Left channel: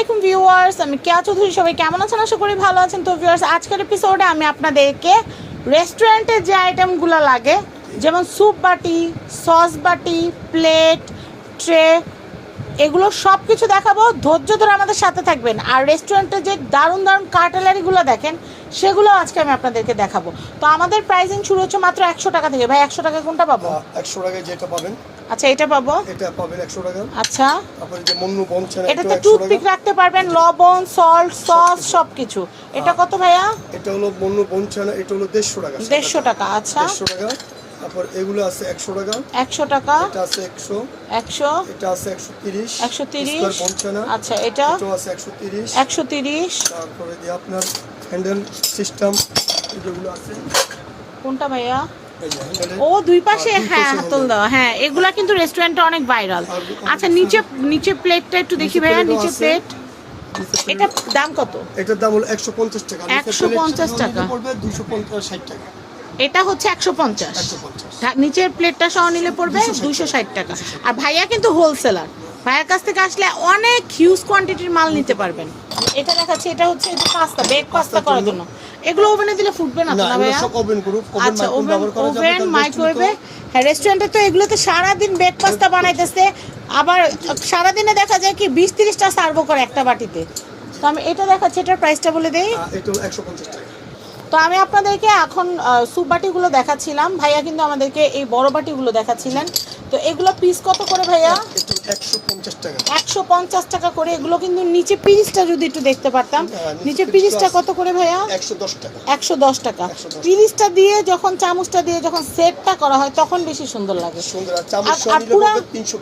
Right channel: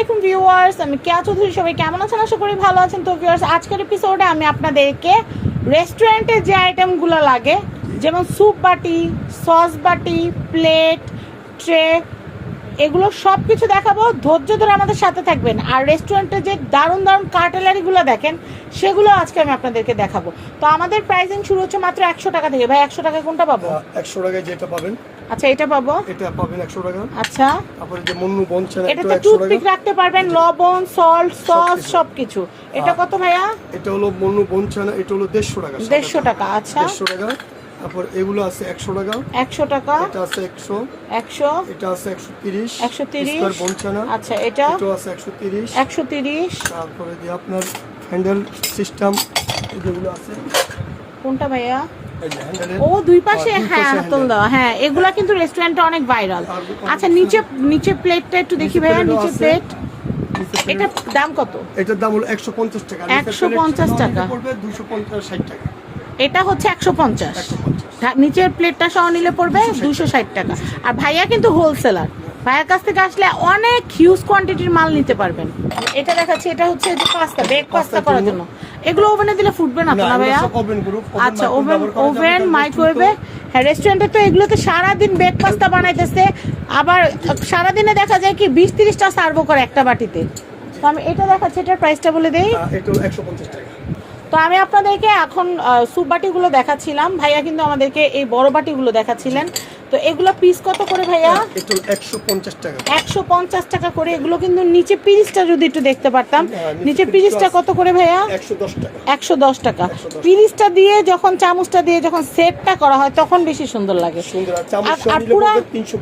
আলাইকুম ভিউয়ার্স, আমি কেয়া চৌধুরী, সবাই কেমন আছেন? আশা করি ভালো আছেন। তো ভিউয়ার্স, আজকের এপিসোডে আমি আপনাদেরকে রেস্টুরেন্টে যে আইটেমগুলো লাগে, যেমন স্যুপ বাটি সস বাটি প্লেট ট্রে এগুলো সব কিছু দেখাবো। ধৈর্য ধরে আমাদের সাথে থাকবেন। আর রেস্টুরেন্টে যে দারুণ দারুণ কার্টেলারিগুলো দেখেন, সেগুলো আজকে আমি আপনাদেরকে দেখাবো। তো আমাদের প্রাইসিং শুরু হচ্ছে মাত্র একশো টাকা থেকে। ভাই, একশো টাকা কোনটা পাবো? একশো টাকায় যেটা পাবেন আচ্ছা এটা পাবো? এটা পাবেন একশো টাকা। আচ্ছা। তারপর যে মন্নু বনছেন একশো টাকা। টুথপিক রাখতে পারবেন লবণ সল্ট সস সবকিছু। এটা কত ভাইয়া? এটা হলো মন্নু বনছেন এটা হলো দেড়শো টাকা। দেড়শো টাকা আচ্ছা। দেড়শো টাকা। তারপর এগুলো আছে একশো টাকা। একশো টাকা। এটা আছে একশো। একশো। এটা আছে একশো তিরিশ। একশো তিরিশ। বনছেনা আচ্ছা এটা? এটা আছে একশো তিরিশ। একশো তিরিশ। তারপরে যে আপনার হ্যান্ডেল সিস্টেম যেগুলো আছে। কোনটা ভাইয়া? ও দুই পাশে হ্যাঁ, হ্যাঁ হাতল দেওয়া। হ্যাঁ এগুলা কিন্তু রেস্টুরেন্টে অনেক ভাইরাল আচ্ছা নিচে নিচে প্লেটটা একটু দেখি ভাইয়া নিচে প্লেট এটা দাম কত? এটার দাম হলো একশো পঞ্চাশ টাকা। 150 টাকা। পড়বে দুশো পঞ্চাশ ষাট টাকা। এটা হচ্ছে একশো পঞ্চাশ। একশো নিচের প্লেটটা সহ নিলে পড়বে 260 দুইশো ষাট টাকা। আর ভাইয়া কিন্তু হোলসেলার ভাইয়ের কাছ থেকে আসলে অনেক হিউজ কোয়ান্টিটির মাল নিতে পারবেন। এটা দেখাচ্ছি এটা হচ্ছে যে পাস্তা বেক পাস্তা করার জন্য। এগুলো ওভেনে দিলে ফুটবে না না ভাইয়া? সব ওভেন গ্রুপ আচ্ছা ওভেন ওভেন মাইক্রোওয়েভে হ্যাঁ রেস্টুরেন্টে তো এগুলো তো সারাদিন বেক পাস্তা বানাইতেছে। আবার সারাদিনে দেখা যায় কি বিশ তিরিশটা সার্ভও করে একটা বাটিতে। তো আমি এটা দেখাচ্ছি এটার প্রাইসটা বলে দিই। তো, এটা একশো পঞ্চাশ টাকা। তো আমি আপনাদেরকে এখন স্যুপ বাটিগুলো দেখাচ্ছিলাম। ভাইয়া কিন্তু আমাদেরকে এই বড় বাটিগুলো দেখাচ্ছিলেন। তো এগুলো পিস কত করে ভাইয়া? একশো পঞ্চাশ টাকা। একশো পঞ্চাশ টাকা করে এগুলো কিন্তু নিচে পিরিসটা যদি একটু দেখতে পারতাম হ্যাঁ, নিচে পিরিসটা কত করে ভাইয়া? একশো দশ টাকা। একশো দশ টাকা। 110 পিরিসটা দিয়ে যখন চামচটা দিয়ে যখন সেটটা করা হয় তখন বেশি সুন্দর লাগে।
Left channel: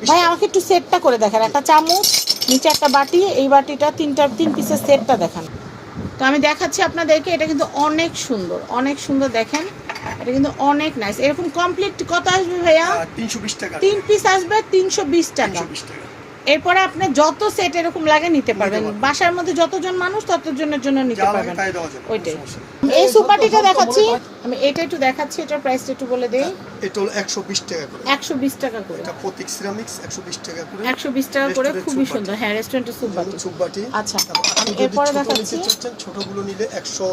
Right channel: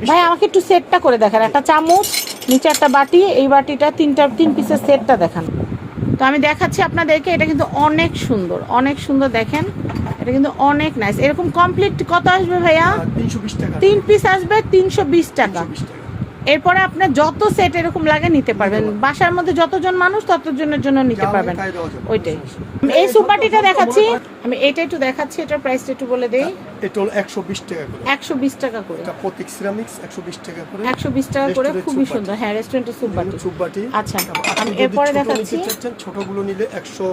ভাই আমাকে একটু সেটটা করে দেখান। একটা চামচ নিচে একটা বাটি এই বাটিটা তিনটা তিন পিসের সেটটা দেখান। তো আমি দেখাচ্ছি আপনাদেরকে এটা কিন্তু অনেক সুন্দর অনেক সুন্দর দেখেন। এটা কিন্তু অনেক নাইস এরকম কমপ্লিট কত আসবে ভাইয়া? তিনশো বিশ টাকা। তিন পিস আসবে তিনশো বিশ টাকা। এরপরে আপনার যত সেট এরকম লাগে নিতে পারবেন। বাসার মধ্যে যতজন মানুষ ততজনের জন্য নিতে পারবেন। ওইটাই। এই সুপারটিটা দেখাচ্ছি। আমি এটা একটু দেখাচ্ছি এটার প্রাইসটা একটু বলে দেই। এটা হলো একশো বিশ টাকা করে। একশো বিশ টাকা করে। এটা প্রতীক সিরামিক্স একশো বিশ টাকা করে। একশো বিশ টাকা করে খুবই সুন্দর। হ্যাঁ রেস্টুরেন্টের সুপ বাটি চুপ বাটি আচ্ছা, আমি এরপরে দেখাচ্ছি। ছোটগুলো নিলে একশো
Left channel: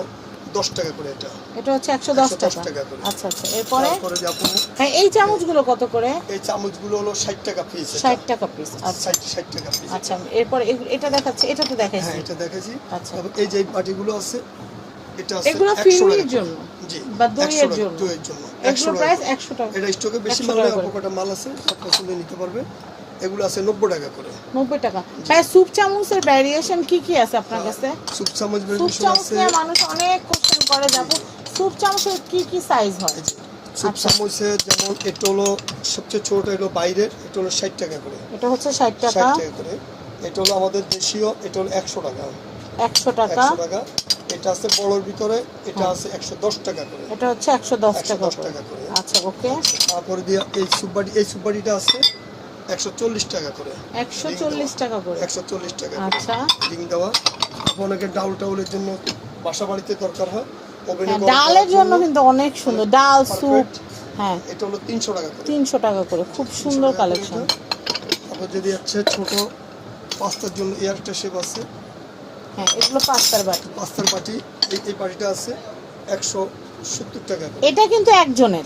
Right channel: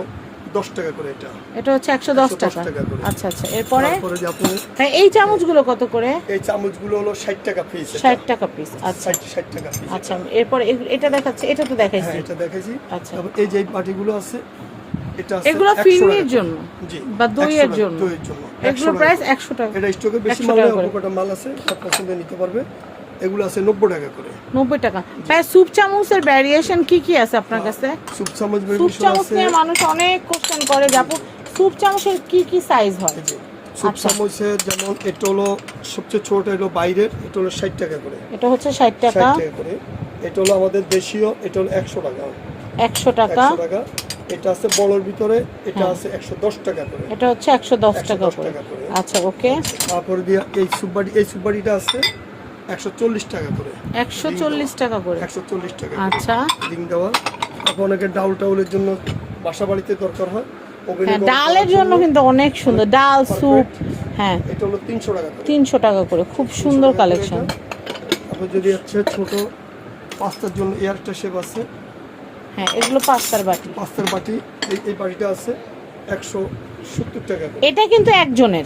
দশ টাকা করে এটা। এটা হচ্ছে 110 টাকা। আচ্ছা আচ্ছা। এরপরে? তারপরে যে আপনার ভাই এই চামচগুলো কত করে? এই চামচগুলো হলো ষাট টাকা পিস ষাট টাকা পিস আচ্ছা। ষাট ষাট টাকা পিস আচ্ছা এরপরে এটা দেখাচ্ছে এটা তো হ্যাঁ দেখাইছি এটা দেখেছি আচ্ছা। এই যে বাটিগুলো আছে এটা আছে এগুলো 100 জন্য জি বা দইয়ের 100 জন্য। দইয়ের জন্য। 100 প্রাইস টাকা। একশো টাকা। এটা স্টকে বেশি মাল আছে সব পছন্দ নিতে পারবে। এগুলো আছে নব্বই টাকা করে। নব্বই টাকা। ভাই স্যুপ চামচের ভ্যারিয়েশন কি কি আছে আপনার কাছে? সুপ চামচ ভেরিয়েশন চামচ নিয়ে মানুষ অনেক কোশ্চেন করে যাব স্যুপ চামচের কি কি সাইজ হয়? সুপ আচ্ছা। চামচের যেমন এটা হলো সবচেয়ে ছোট হলো বাইরের এটা হলো ষাট টাকা করে। এটা হচ্ছে ষাট ষাট টাকা। টাকা করে। এটা হলো আমাদের দেশীয় এটা হলো একশো টাকা। একশো টাকা। টাকা। এটা আছে বড়র ভিতরে এটা হ্যাঁ। আছে একশো দশ টাকা করে। এটা হচ্ছে একশো দশ 110 টাকা করে। টাকা করে। আচ্ছা ওকে। তারপরে দিয়ে এই সুপারি এই সুপারিটা আছে একশো চল্লিশ টাকা করে। একশো চল্লিশ টাকা করে। একশো চল্লিশ টাকা করে। আচ্ছা। রিং দেওয়া। অনেকের ডাউল টাউলের জন্য বাসা বাড়িতে দরকার হয়। হ্যাঁ ডালের জন্য কিন্তু অনেক সুন্দর। ডাল স্যুপ হ্যাঁ। এটা হলো তিনশো টাকা করে। তিনশো টাকা করে। খুব সুন্দর কালেকশন। তারপর যদি হচ্ছে ছোট পাস্তার জন্য এয়ারটা শেপ আছে। হ্যাঁ এগুলো পাঁচটার বাটি। পাস্তার বাটি এই বাটিটা আছে একশো সত্তর টাকা এটা কিন্তু একজনের।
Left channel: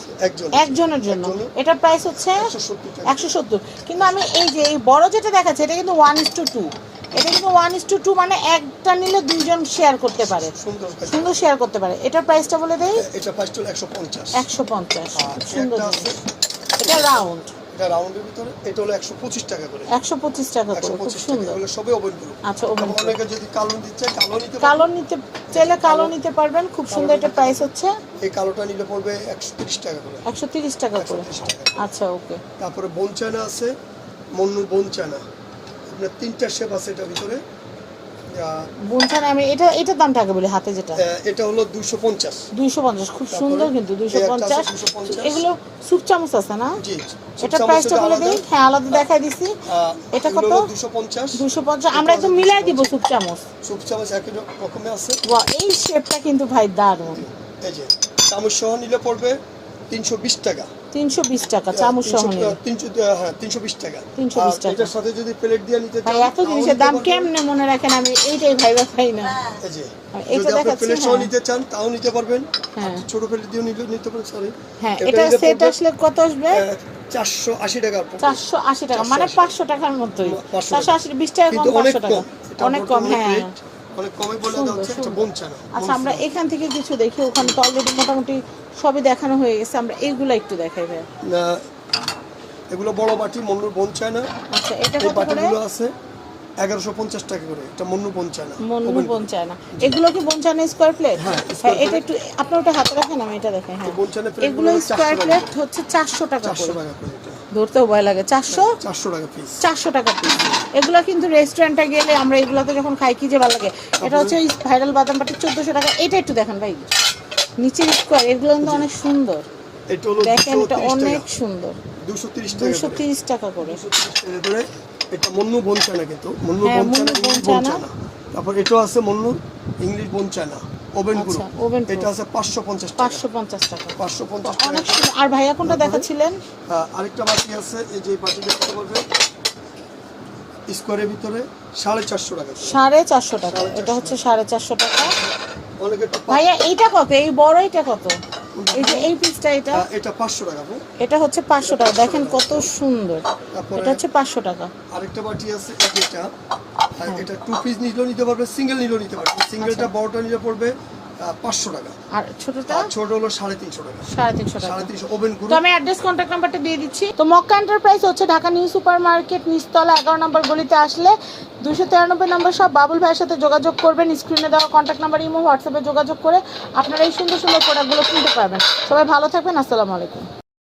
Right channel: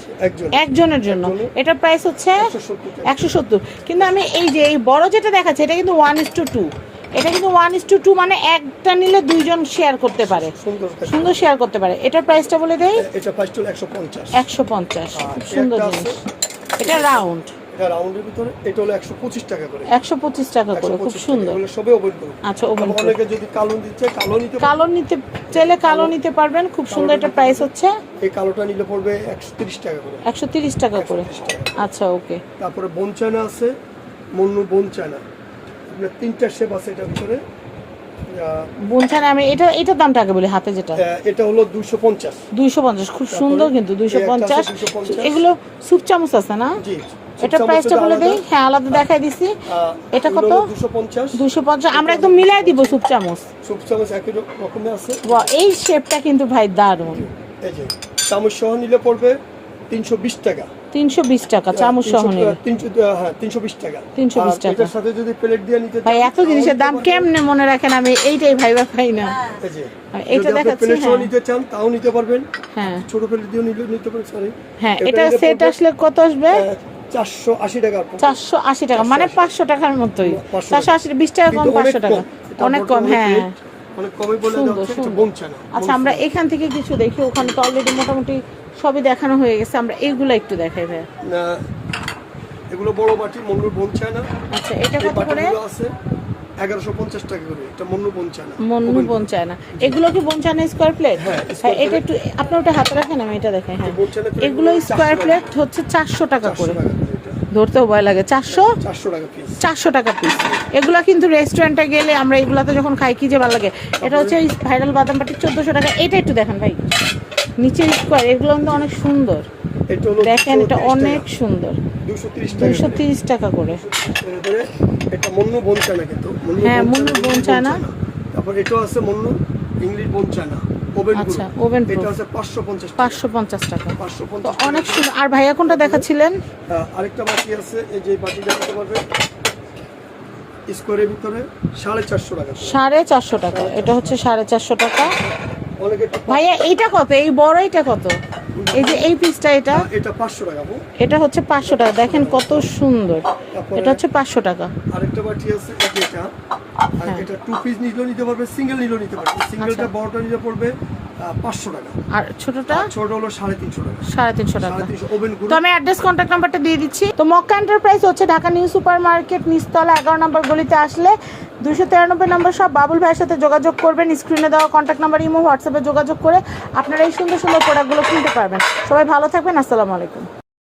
একজনের। জন্য। এটা প্রাইস হচ্ছে একশো সত্তর কিন্তু আমি এই যে এই বড় যেটা দেখাচ্ছি এটা কিন্তু ওয়ান ইস টু টু এটা কিন্তু ওয়ান ইস টু টু মানে একটা নিলে দুইজন শেয়ার করতে পারে। সুন্দর শেয়ার করতে পারে। এটার প্রাইসটা বলে এটা প্রাইস একশো পঞ্চাশ। একশো পঞ্চাশ। সুন্দর জিনিস। এটা রাউন্ড এটা রাউন্ডের ভিতরে এটা হলো একশো পঁচিশ টাকা করে। একশো পঁচিশ টাকা করে খুব সুন্দর। এগুলো সবে ওপেন করে আচ্ছা ওভেন অনেকে যদি কালো দিচ্ছে কালো নিতে কালো নিতে চাইলে কালো নিতে পারবেন খুব সুন্দর একটা প্রাইস হচ্ছে। এই কালোটা নিলে পড়বে একশো তিরিশ টাকা করে। একশো তিরিশ টাকা করে। আচ্ছা ওকে। তারপরে বোন চায়না আছে মন্নু বোন চায়না আপনার তিনটা শেপ আছে এটার ভিতরে। বুনছানে আমি এটা এটার দামটা আগে বলি হাতে যেটা। এটা হলো দুশো পঞ্চাশ। দুইশো পঞ্চাশ খুব সুন্দর কিন্তু আছে পঞ্চাশ। 250 এগুলো স্যুপ চামচ আছে না? জি এটা প্রাইসটা বলে দিই। হ্যাঁ আলাদা দেখাই দিছি। এটা কত? দুশো পঞ্চাশ। দুইশো পঞ্চাশ। আমরা একদম মিলাই দিব স্যুপ চামচ। সুপ চামচ একই রকমের আছে। বাহ, এই শেপটা কিন্তু ভাই দারুণ। এই যে চামচ সহ নিলে পড়বে তিনশো বিশ টাকা। তিনশো বিশ টাকা চামচ সহ তিনশো- তিনশো হ্যাঁ তিনশো বিশ টাকা। 320 টাকা। এটার সাথে যদি প্লেট দিয়ে নিতে ভাই এত জিনিসের তাও দাম। কেমনে মনে রাখেন আমি? এইটাই ভাইবা পাই না। এটা প্লেট সহ হ্যাঁ। নিতে চান তাও নিতে পারবেন। হ্যাঁ। ছোট প্লেট দিয়ে নিলে নিতে পারেন সরি হ্যাঁ এটা সেট আসলে কত আসবে? চারশো আশি টাকা চারশো আশি টাকা মানে পাঁচশো টাকার মতোই। চারশো আশি বিশ টাকা কম পাঁচশো টাকা। কম। অনেক কম হ্যাঁ। অনেক কমই বলে যাচ্ছে একটা সুন্দর। আচ্ছা আমরা এখান থেকে কিছু দেখি ওখানে তো অলরেডি মোটামুটি সবই দেখানো হয়ে গেছে আমরা এইগুলো একটু দেখাই ভাই। না, এগুলো বড় বাটি মন্নুর বোন আচ্ছা এটা কত করে? আছে এগারোশো পঞ্চাশ টাকা করে এটা মন্নু মন্নু এগুলো কি স্কোয়ার প্লেট হ্যাঁ, square এটা একটু আপনি ওটা হাতে রাখেন আমি এটা দেখাই হ্যাঁ। এগুলো স্কোয়ার 400 প্লেট হচ্ছে চারশো টাকা করে। ধরতেও ভয় লাগে। চারশো? চারশো টাকা পিস এগুলো কিন্তু রেস্টুরেন্টে গেলে আমরা এগুলোতে যখন খাই কি যে ভালো লাগে। এটা হচ্ছে এই ভাইরাল বাদাম বাটি চোদ্দোশো টাকা। এটা একটু দেখেন ভাই। নিচে স্কোয়ার এগুলো কিন্তু অনেক সুন্দর। দেখেন এটা অনেক সুন্দর। দুশো তিরিশ টাকা করে। তিরিশ টাকা করে। 230 টাকা করে এটা মন্নু বোন চানা কিন্তু হ্যাঁ, মন্নু চানা, বোন ইংলিশ তারপর এটাও আছে মন্নু ইংলিশ বোন চানা ওভেন আচ্ছা, ওভেন। এটা আছে পাঁচশো পঞ্চাশ টাকা। পাঁচশো পঞ্চাশ টাকা। পাঁচশো পঞ্চাশ অনেক সুন্দর। আর ভাইয়া কোনটা দেখাচ্ছিলেন? আরেকটা বাটি আছে এই যে বাটি দেখাতে পারবে স্কোয়ারের ভিতরে সাড়ে চারশো টাকা করে। সাড়ে চারশো টাকা। এটা হচ্ছে সাড়ে চারশো টাকা। অনেকে একটু ভাইয়া এইটা কত? এই বড় এটা কত? এই যে এই পিসটা এটা হ্যাঁ, এটা পাঁচশো টাকা গো। এটা হচ্ছে পাঁচশো টাকা দেখেন কত সুন্দর এটা হচ্ছে পাঁচশো টাকা আরেকটা বাটি আছে এটা আর। এটা টু পিস নিলেও নিতে পারবে সিঙ্গেল নিলেও নিতে পারবে সিঙ্গেলটা আচ্ছা। বড়টা নিলে পড়বে পাঁচশো টাকা। আর ছোটটা? ছোট হলো সাড়ে তিনশো টাকা। সাড়ে তিনশো টাকা। সাড়ে তিনশো। ওভেন তো আমি অ্যাড্রেস কন্ট্যাক্ট নাম্বারটা দিয়ে দিচ্ছি। তো মক্কা এন্টারপ্রাইজ হচ্ছে ঢাকা নিউ সুপার মার্কেট নিচতলা এগারো নম্বর গলিতে আসলে দুশো তিরানব্বই নম্বর সব বাবুল ভাইয়ের সাথে যোগাযোগ করবেন স্ক্রিনে দেওয়া কন্ট্যাক্ট নাম্বার ইমো হোয়াটসঅ্যাপে যোগাযোগ করে আপনারা এই সুন্দর সুন্দর প্রোডাক্টগুলো কিনতে পারবেন। সবাই ভালো থাকবেন আসসালামু আলাইকুম।